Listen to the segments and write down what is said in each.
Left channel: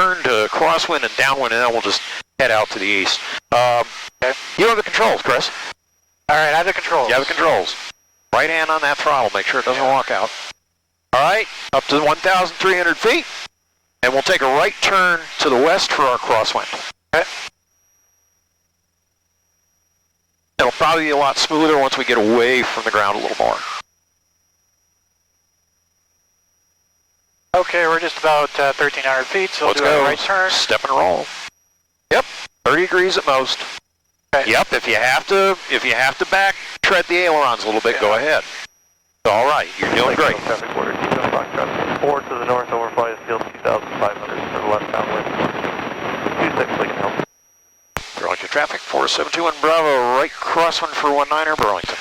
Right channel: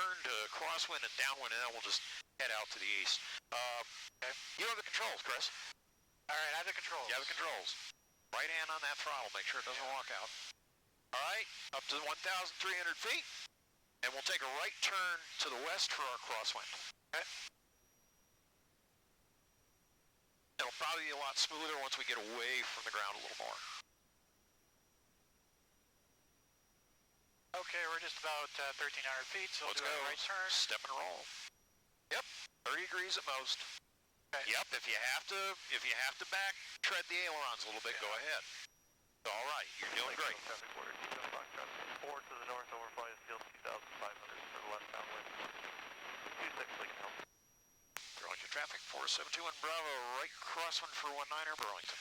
turn to crosswind and downwind, and then we'll just head out to the east. Okay. You have the controls, Chris. All right, I have the controls. You have the controls. Right hand on that throttle. Make sure it doesn't walk out. All right, up to 1,300 feet, and we'll take a right turn to the west for our crosswind. Okay. It'll probably be a lot smoother once we get away from the ground a little more. Okay, we're just about 1,300 feet, so Let's we'll do go. a right turn. Step and roll. Yep, 30 degrees at most. Okay. Yep, if you have to back tread the ailerons a little bit, go ahead. All right, you're doing great. Traffic order, T7 Foxtrot. 4 to the north, overflies field 2,500 for the left downwind. 26, Lincoln Hill. Burlington traffic, 472 Bravo, right crosswind for 19er Burlington.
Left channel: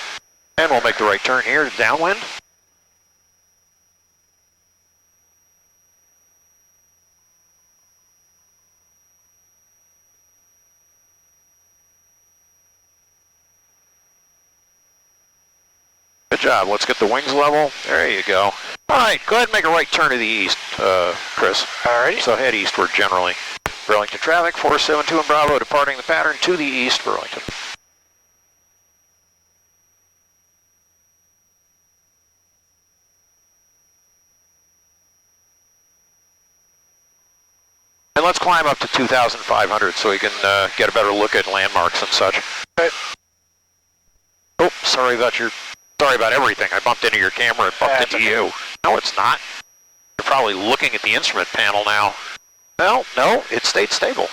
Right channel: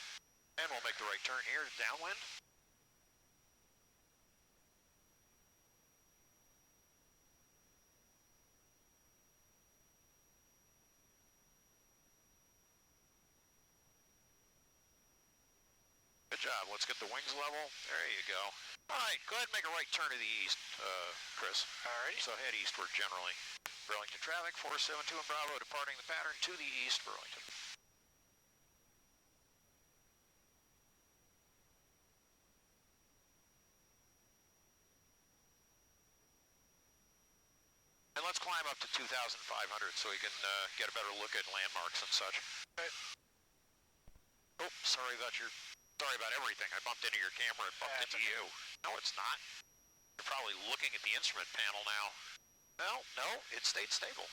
And we'll make the right turn here to downwind. Good job. Let's get the wings level. There you go. All right, go ahead and make a right turn to the east, Chris. All righty. So head eastward generally. Burlington traffic, 472 Bravo, departing the pattern to the east, Burlington. And let's climb up to 2,500 so we can get a better look at landmarks and such. Okay. Oh, sorry about everything. I bumped into your camera and bumped into you. No, it's not. You're probably looking at the instrument panel now. Well, no, it stayed stable.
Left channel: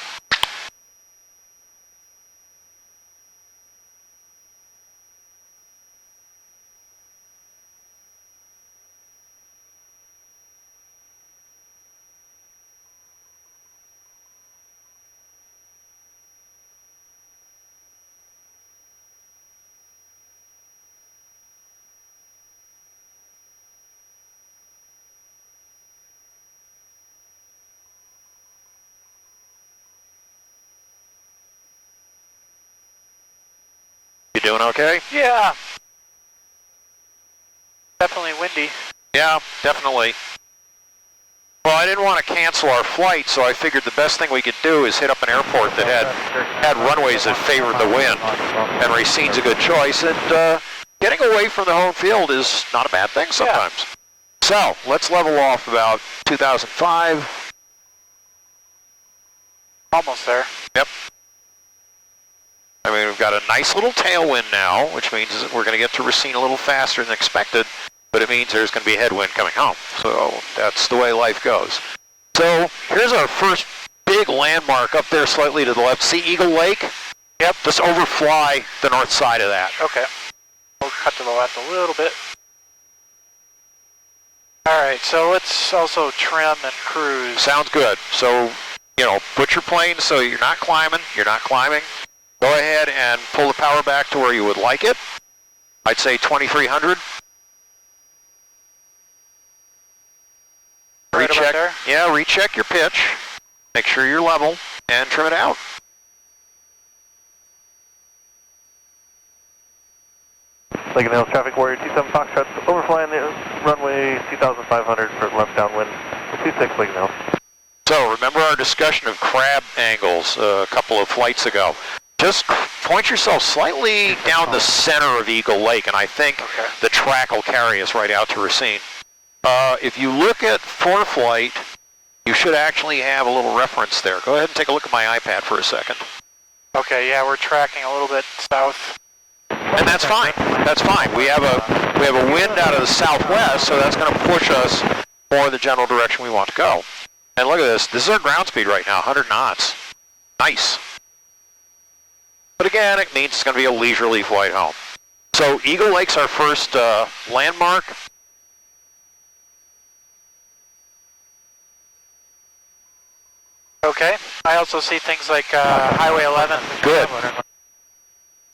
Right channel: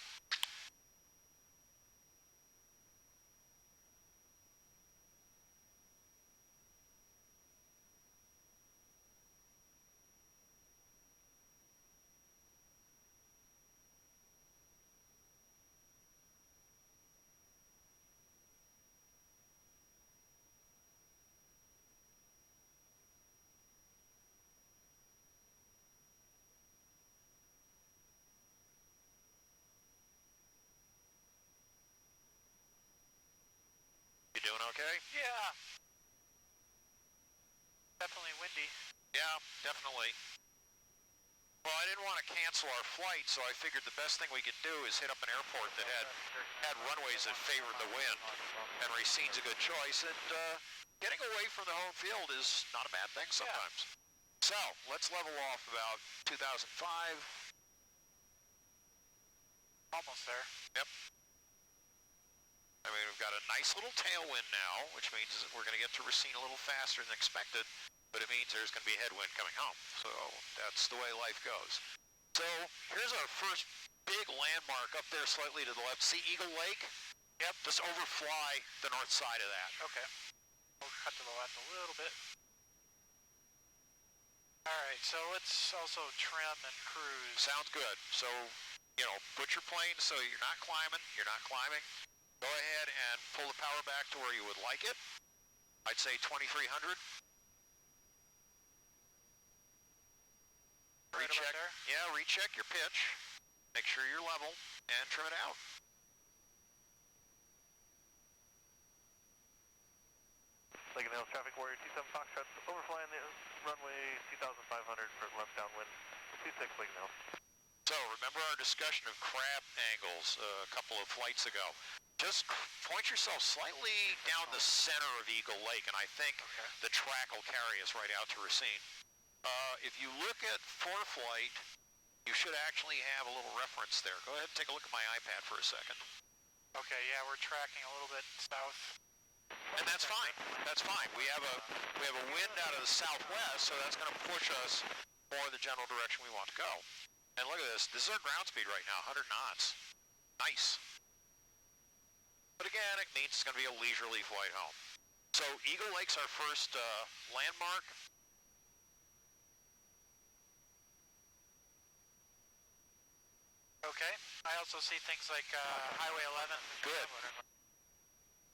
You doing okay? Yeah. Definitely windy. Yeah, definitely. Well, I didn't want to cancel our flight, so I figured the best thing we could do is hit up an airport that had runways that favored the wind. And Racine's a good choice, and getting away from the home field is not a bad thing sometimes. Yeah. So, let's level off about 2005. Almost there. Yep. I mean, we've got a nice little tailwind now, which means that we're going to get to Racine a little faster than expected, but it means there's going to be a headwind coming home. So that's the way life goes. So here's our first big landmark up there slightly to the left. See Eagle Lake? Yep, just overfly the north side of that. Okay. We'll cut to the left a little bit. All right, so let's also trim and cruise. Sounds good. So, put your plane so you're not climbing. Go ahead and pull the power back to where you would like it. I'd say 2,300. Right about there? Yeah, recheck your pitch. Make sure you're level and trim it out. Lincoln Hills traffic warrior T7 Foxtrot, overflying the runway 2,500 for left downwind. 26 Lincoln Hills. So remember our discussion of crab angles a couple of flights ago. Just point yourself slightly down the center of Eagle Lake, and I think the track will carry us right out to Racine. If you look at ForeFlight, you should actually have a little reference there. Go ahead and take a look at my iPad for a second. Okay, yeah, we're tracking a little bit south. And that's fine. That's fine. We have a wind out of the southwest, so that's going to push us more in the general direction we want to go. And look at this. This is our ground speed right now, 100 knots. Nice. But again, it means it's going to be a leisurely flight home. So Eagle Lake's our first landmark. Okay. I also see things like Highway 11. Good.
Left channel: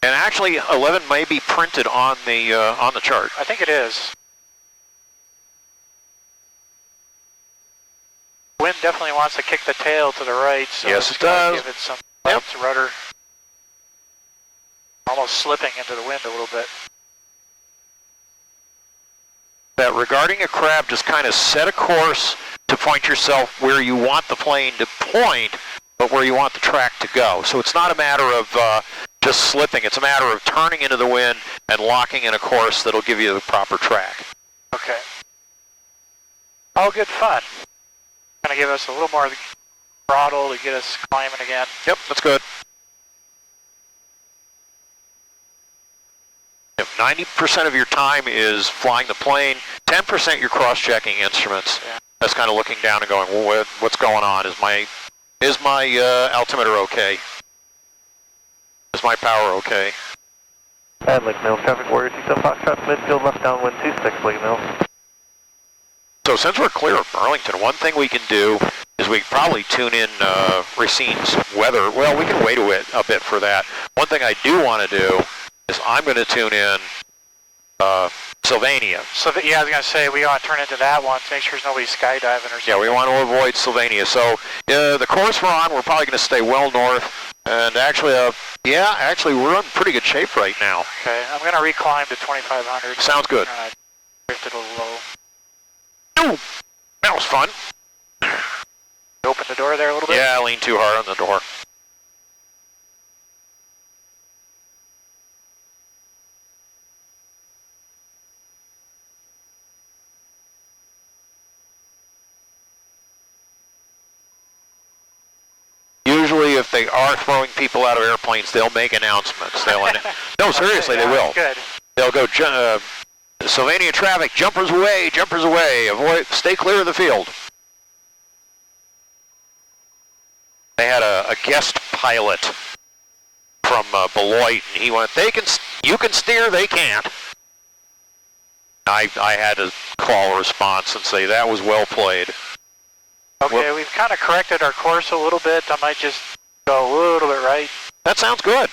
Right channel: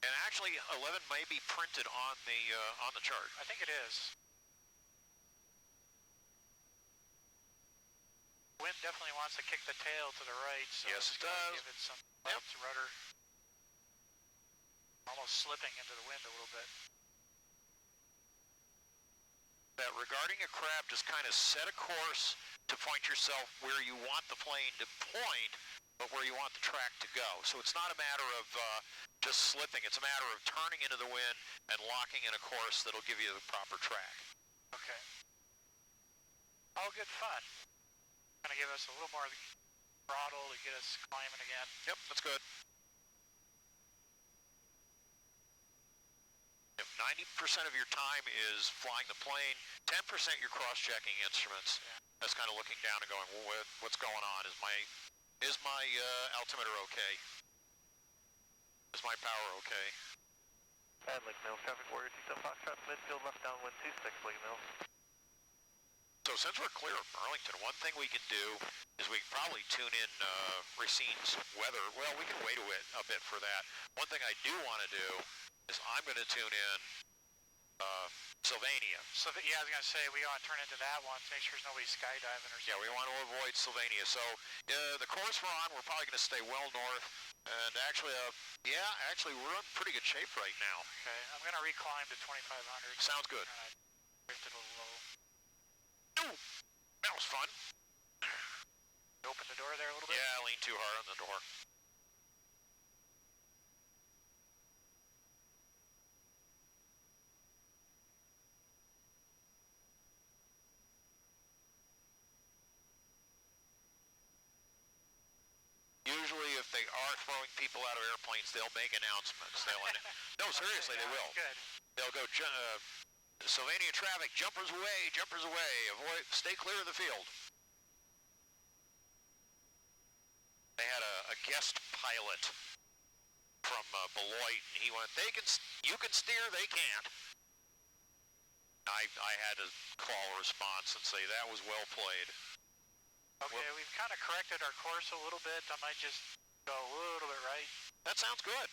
And actually, 11 may be printed on the chart. I think it is. Wind definitely wants to kick the tail to the right, so yes, it does. Give it some rudder. Almost slipping into the wind a little bit. that regarding a crab, just kind of set a course to point yourself where you want the plane to point, but where you want the track to go. So it's not a matter of just slipping. It's a matter of turning into the wind and locking in a course that'll give you the proper track. Okay. All good fun. Gonna give us a little more throttle to get us climbing again. Yep, that's good. Yep, 90% of your time is flying the plane, 10% you're cross-checking instruments. Yeah. That's kind of looking down and going, well, what's going on? Is my altimeter okay? Is my power okay? And Lake Mills, traffic warrior, 27 Foxtrot, midfield, left downwind, 26, Lake Mills. So since we're clear of Burlington, one thing we can do is we can probably tune in RACINE's weather. Well, we can wait a bit for that. One thing I do want to do is I'm going to tune in Sylvania. So yeah, I was gonna say we want to turn into that one to make sure there's nobody skydiving or something. Yeah, we want to avoid Sylvania. So the course we're on, we're probably going to stay well north. And actually, we're in pretty good shape right now. Okay, I'm gonna reclimb to 2,500. Sounds good. Drifted a little low. Ooh, that was fun. Open the door there a little bit? Yeah, I leaned too hard on the door. Usually, if they are throwing people out of airplanes, they'll make announcements. No, seriously, okay, they will. Good. They'll go, Sylvania traffic, jumpers away, stay clear of the field. They had a guest pilot from Beloit, and he went, you can steer, they can't. I had to call a response and say, that was well played. Okay, we've kind of corrected our course a little bit. I might just go a little bit right. That sounds good.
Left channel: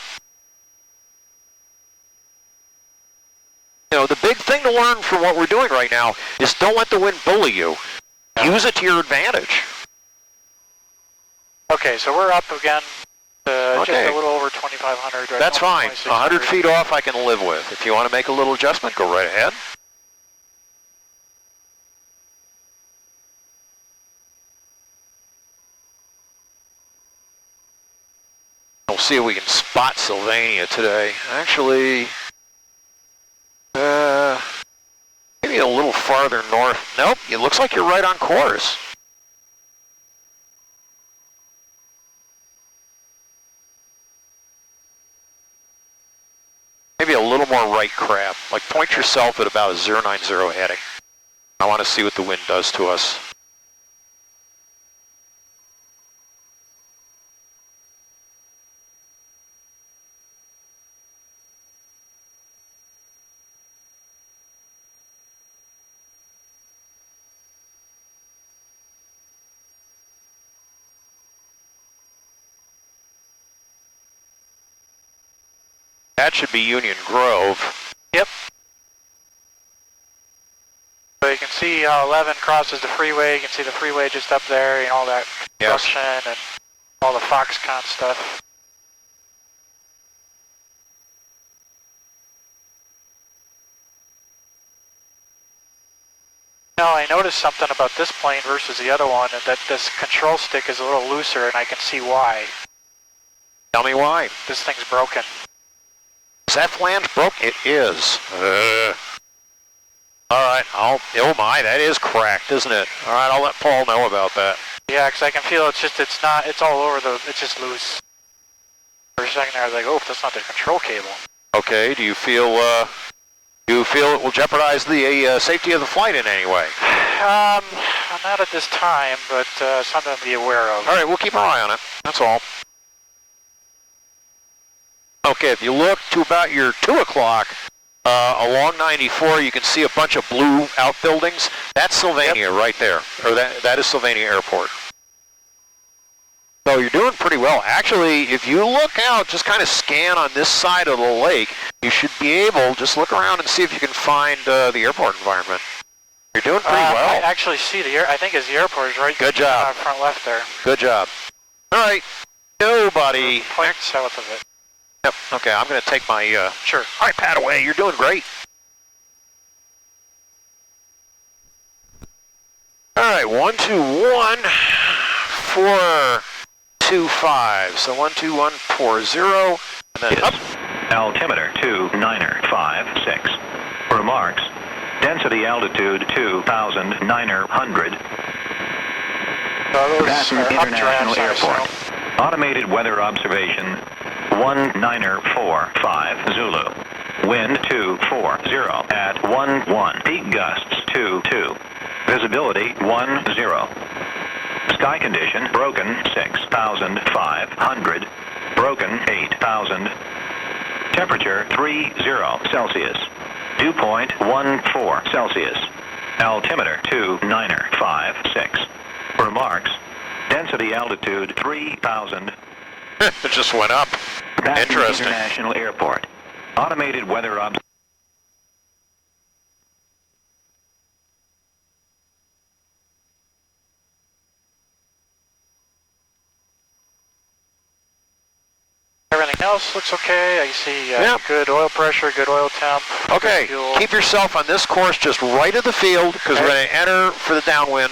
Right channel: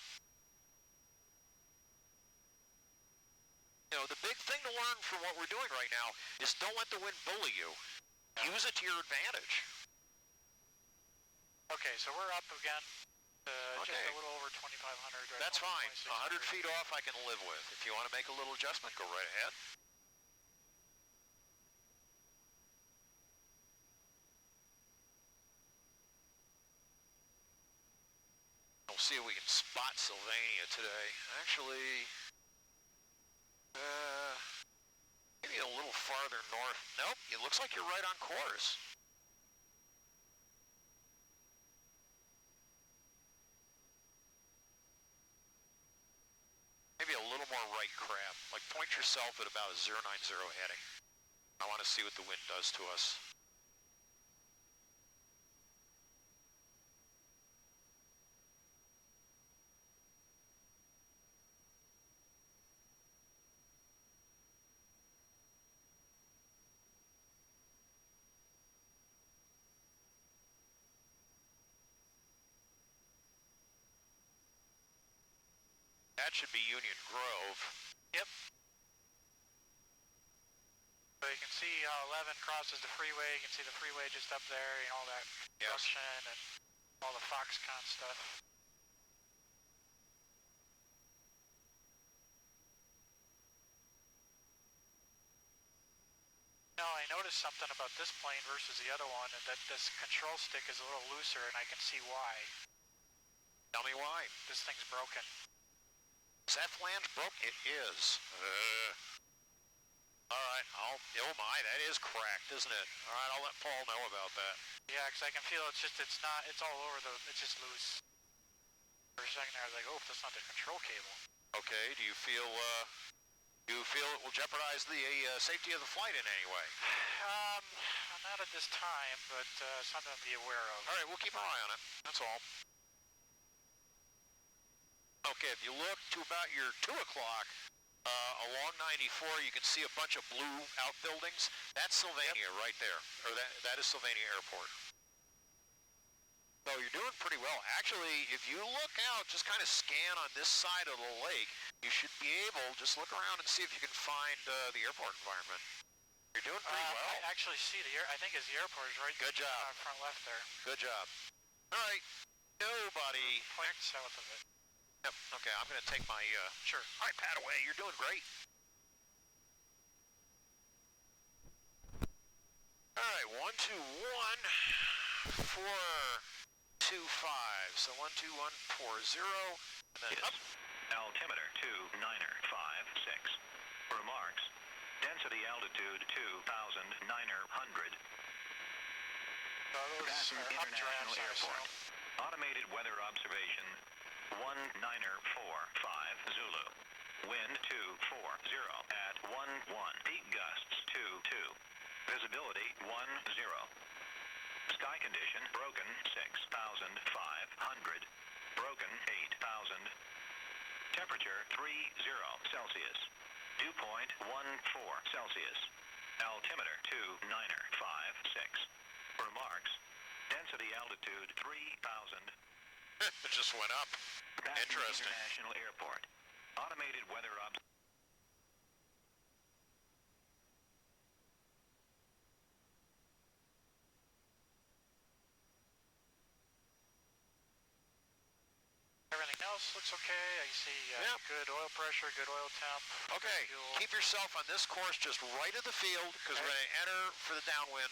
You know, the big thing to learn from what we're doing right now is don't let the wind bully you. Use it to your advantage. Okay, so we're up again to Okay. just a little over 2,500. Right? That's fine. 100 2,600. feet off I can live with. If you want to make a little adjustment, go right ahead. We'll see if we can spot Sylvania today. Actually, maybe a little farther north. Nope, it looks like you're right on course. Maybe a little more right crab. Like point yourself at about a 090 heading. I want to see what the wind does to us. That should be Union Grove. Yep. So you can see how 11 crosses the freeway. You can see the freeway just up there, all that construction and all the Foxconn stuff. Now I noticed something about this plane versus the other one, and that this control stick is a little looser, and I can see why. Tell me why. This thing's broken. Is that flange broke? It is. All right. Oh my, that is cracked, isn't it? All right, I'll let Paul know about that. Yeah, because I can feel it's all over it's just loose. For a second there, I was like, oh, that's not the control cable. Okay. Do you feel it will jeopardize the safety of the flight in any way? Not at this time, but something to be aware of. All right, we'll keep our eye on it. That's all. Okay, if you look to about your 2 o'clock along 94, you can see a bunch of blue outbuildings. That's Sylvania right there, or that is Sylvania Airport. So you're doing pretty well. Actually, if you look out, just kind of scan on this side of the lake, you should be able, just look around and see if you can find the airport environment. You're doing pretty well. I actually see I think it's the airport is right. Good job. Front left there. Good job. All right, nobody. Point south of it. Yep, okay, I'm going to take my Sure. iPad away. You're doing great. All right, 121-425. So 12140, and then up. Altimeter 2956. Remarks. Density altitude 2,900. Patton International Airport. Automated weather observation 1945 Zulu. Wind 240 at 11. Peak gusts 22. Visibility 10. Sky condition broken 6,500. Broken 8,000. Temperature 30 Celsius. Dew point 14 Celsius. Altimeter 2956. Remarks. Density altitude 3,000. It just went up. Patton Interesting. International Airport. Automated weather observation. Everything else looks okay. I see Yep. good oil pressure, good oil temp. Okay, good fuel. keep yourself on this course just right of the field because we're going to enter for the downwind.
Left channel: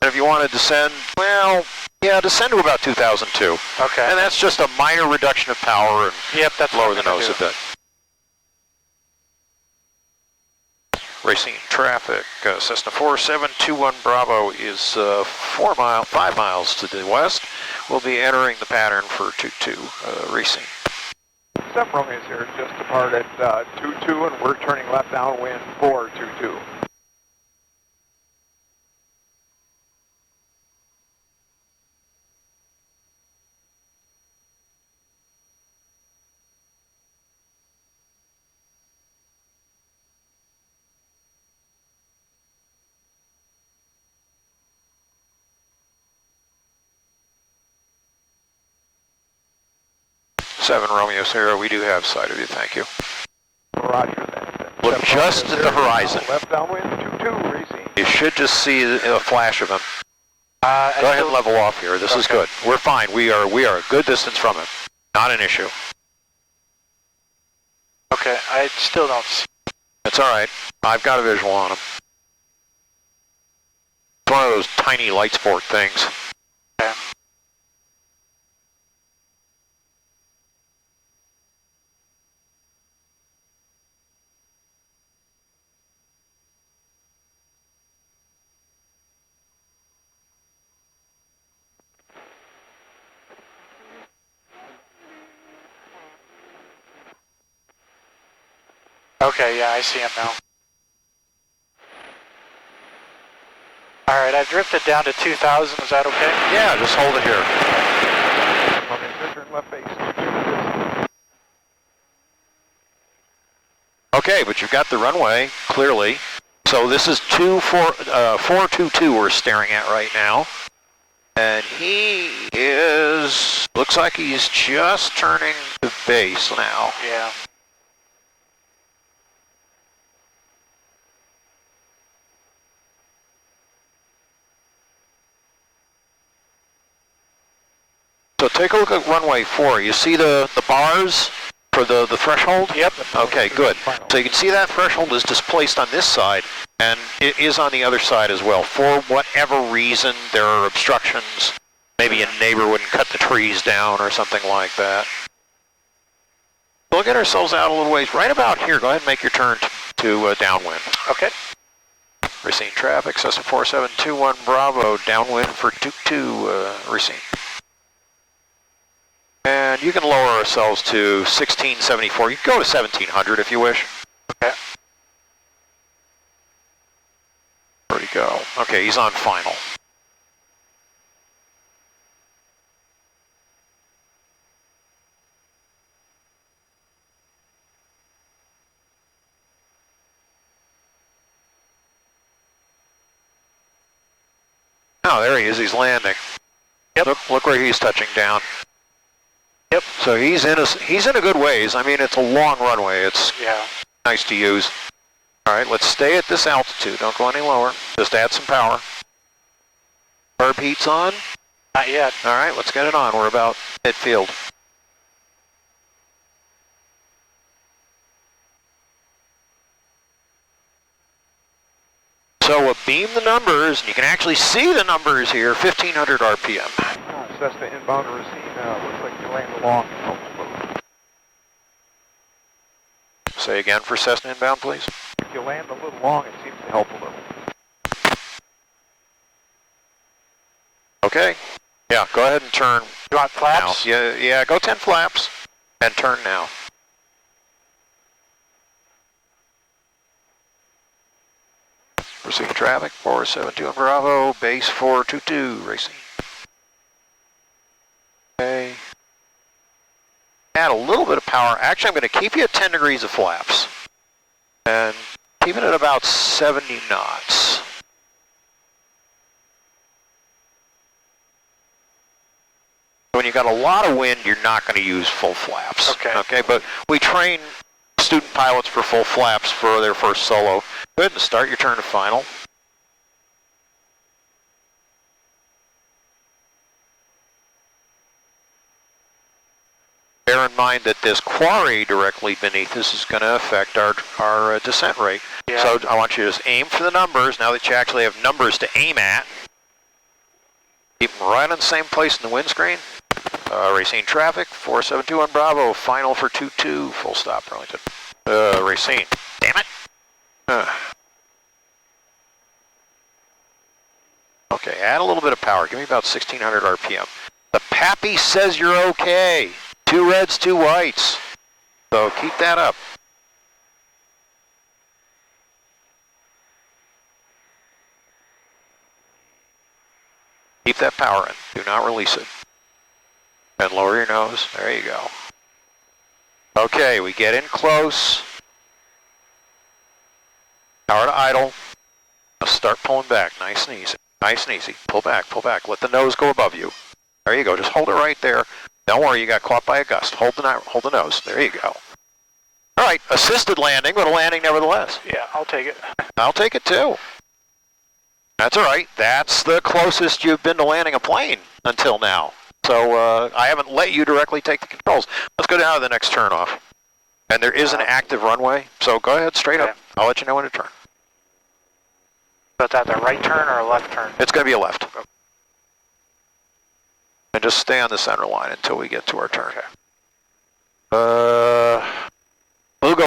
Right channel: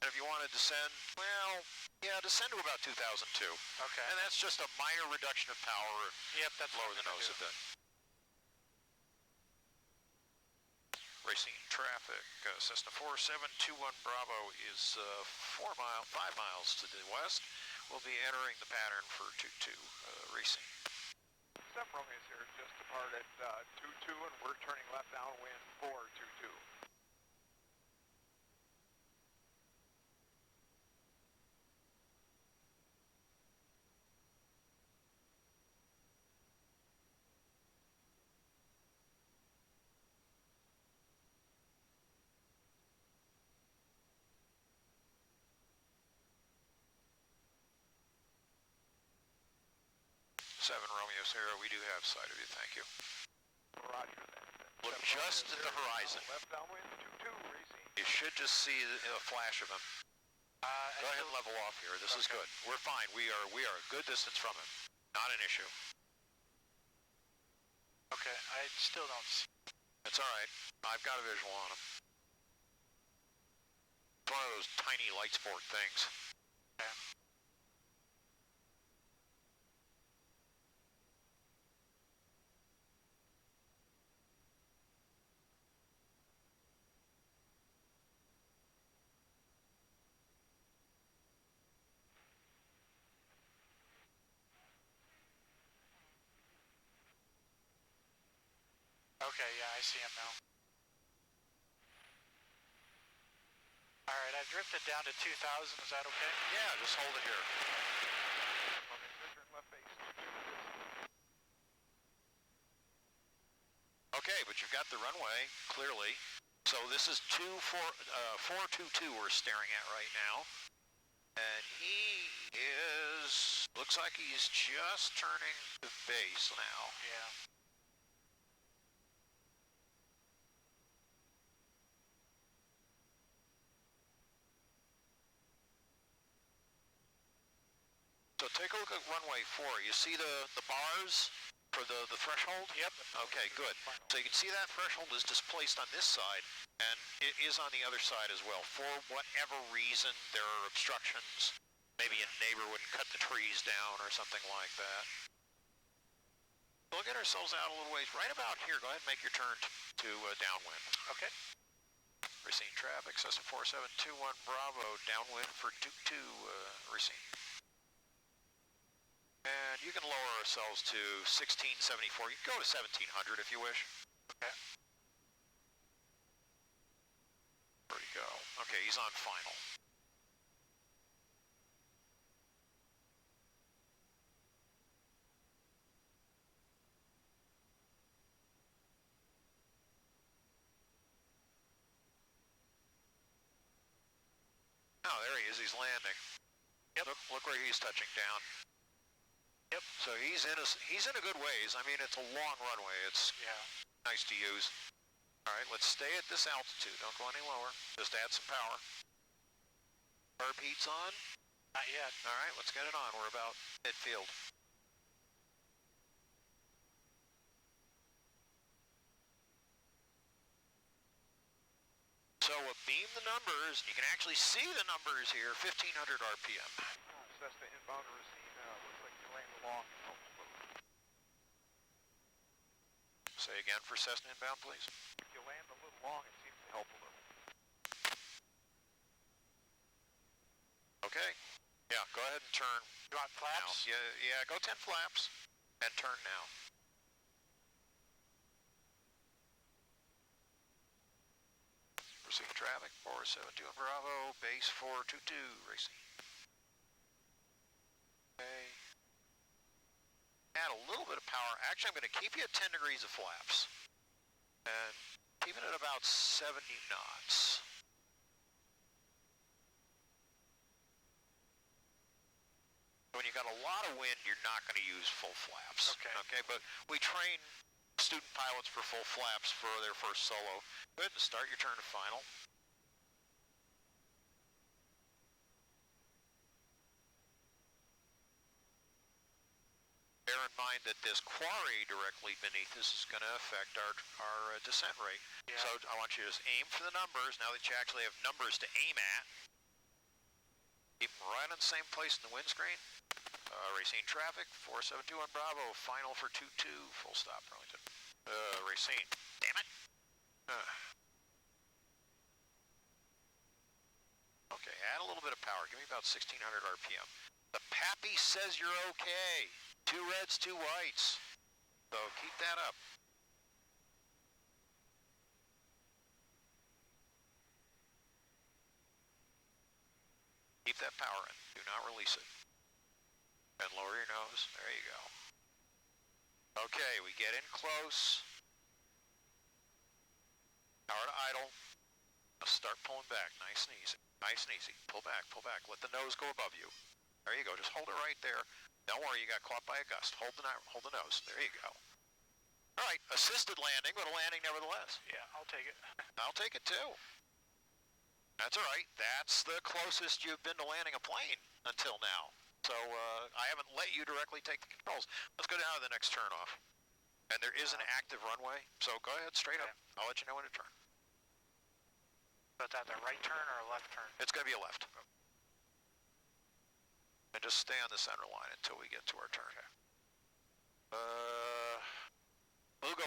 And if you want to descend, well, yeah, descend to about 2002. Okay. And that's just a minor reduction of power and Yep, that's lower what the I'm gonna nose do. a bit. Racine traffic, Cessna 4721 Bravo is 5 miles to the west. We'll be entering the pattern for 22 Racine. 7 Romeo's here, just departed 22, and we're turning left downwind for 22. Seven Romeo Sierra, we do have sight of you, thank you. Roger that. Look just at the horizon. Left downwind 22, Racine. You should just see a flash of him. Go ahead and level off here. This is Okay. good. We're fine. We are a good distance from him. Not an issue. Okay, I still don't see. It's all right. I've got a visual on him. It's one of those tiny light sport things. Okay. Okay, yeah, I see him now. Alright, I've drifted down to 2,000, is that okay? Yeah, just hold it here. Romeo's here, turn left base. Okay, but you've got the runway, clearly. So this is 422 we're staring at right now. And he is, looks like he's just turning to base now. Yeah. So take a look at runway 4. You see the bars for the threshold? Yep. Okay, good. So you can see that threshold is displaced on this side, and it is on the other side as well. For whatever reason, there are obstructions. Maybe a neighbor wouldn't cut the trees down or something like that. We'll get ourselves out a little ways. Right about here, go ahead and make your turn to downwind. Okay. Racine traffic, Cessna 4721 Bravo, downwind for 22 Racine. And you can lower ourselves to 1674. You can go to 1700 if you wish. Okay. Where'd he go? Okay, he's on final. Oh, there he is. He's landing. Yep. Look where he's touching down. Yep. So he's in a good ways. I mean, it's a long runway. It's Yeah. nice to use. All right, let's stay at this altitude. Don't go any lower. Just add some power. Herb heat's on. Not yet. All right, let's get it on. We're about midfield. So beam the numbers, and you can actually see the numbers here, 1500 RPM. Cessna inbound to Racine, looks like you land long and helps move. Say again for Cessna inbound, please. If you land a little long, it seems to help a little. Okay. Yeah, go ahead and turn You want flaps? now. Yeah, go 10 flaps and turn now. Racine traffic, 472 on Bravo, base 422, Racine. Okay. Add a little bit of power. Actually, I'm going to keep you at 10 degrees of flaps. And keep it at about 70 knots. When you got a lot of wind, you're not going to use full flaps. Okay, but we train student pilots for full flaps for their first solo. Go ahead and start your turn to final. Bear in mind that this quarry directly beneath us is going to affect our descent rate. Yeah. So I want you to just aim for the numbers now that you actually have numbers to aim at. Keep them right on the same place in the windscreen. Racine traffic, 472 on Bravo, final for 22, full stop, Burlington. Racine, damn it. Okay, add a little bit of power, give me about 1600 RPM. The Pappy says you're okay. 2 reds, 2 whites. So keep that up. Keep that power in, do not release it. And lower your nose, there you go. Okay, we get in close. Power to idle. Let's start pulling back, nice and easy. Nice and easy, pull back, let the nose go above you. There you go, just hold it right there. Don't worry, you got caught by a gust. Hold the nose, there you go. All right, assisted landing, but a landing nevertheless. Yeah, I'll take it. I'll take it too. That's all right, that's the closest you've been to landing a plane until now. So I haven't let you directly take the controls. Let's go down to the next turnoff. And there is an active runway, so go ahead straight up. I'll let you know when to turn. So is that the right turn or a left turn? It's going to be a left. And just stay on the center line until we get to our turn. Okay.